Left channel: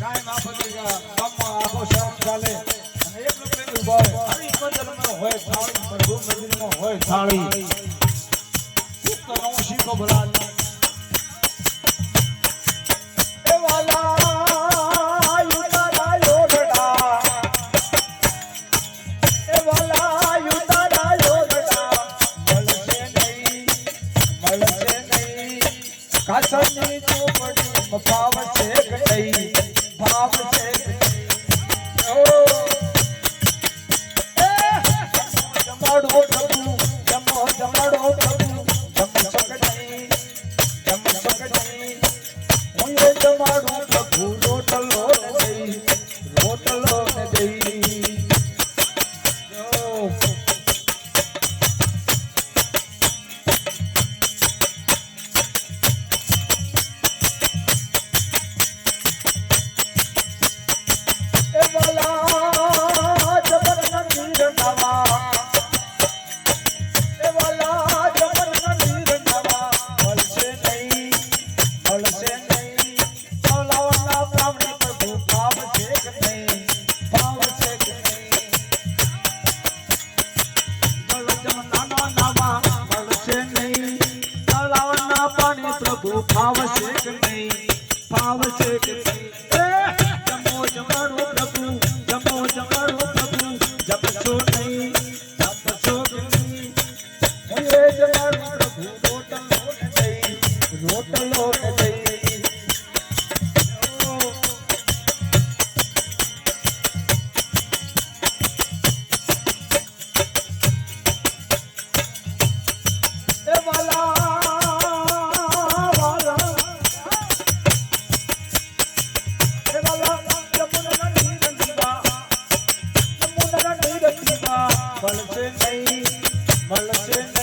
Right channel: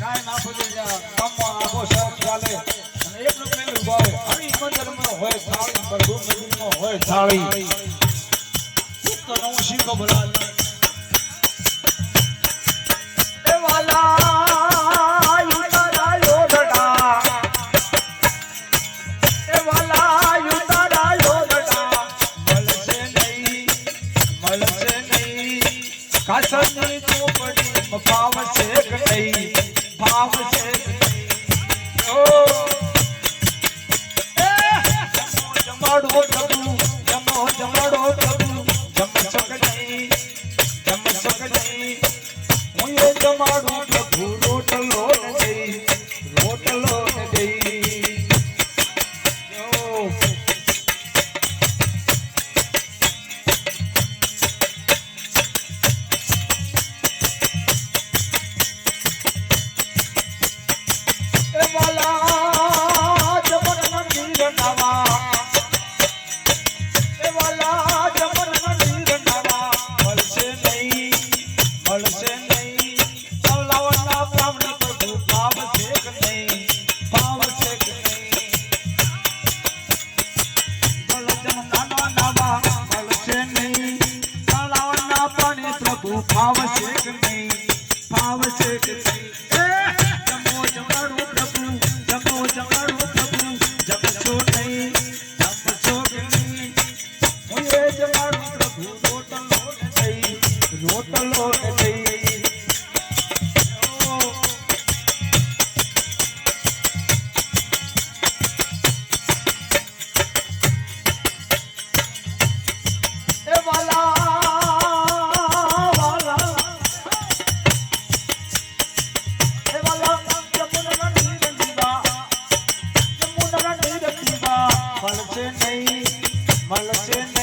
કાય ના પડી જા કમો આખો ચાલે એક રૂપિયાનું ભાઈ હોય થાળી પ્રભુ મંદિરમાં હોય થાળી તો નવું શીખો ભાવ શેખ થઈ ભાવ શેખ જમાડો પ્રભુ ફાવશે કે નહીં? ફાવશે કે નહીં? એ તમો ভালো আছেন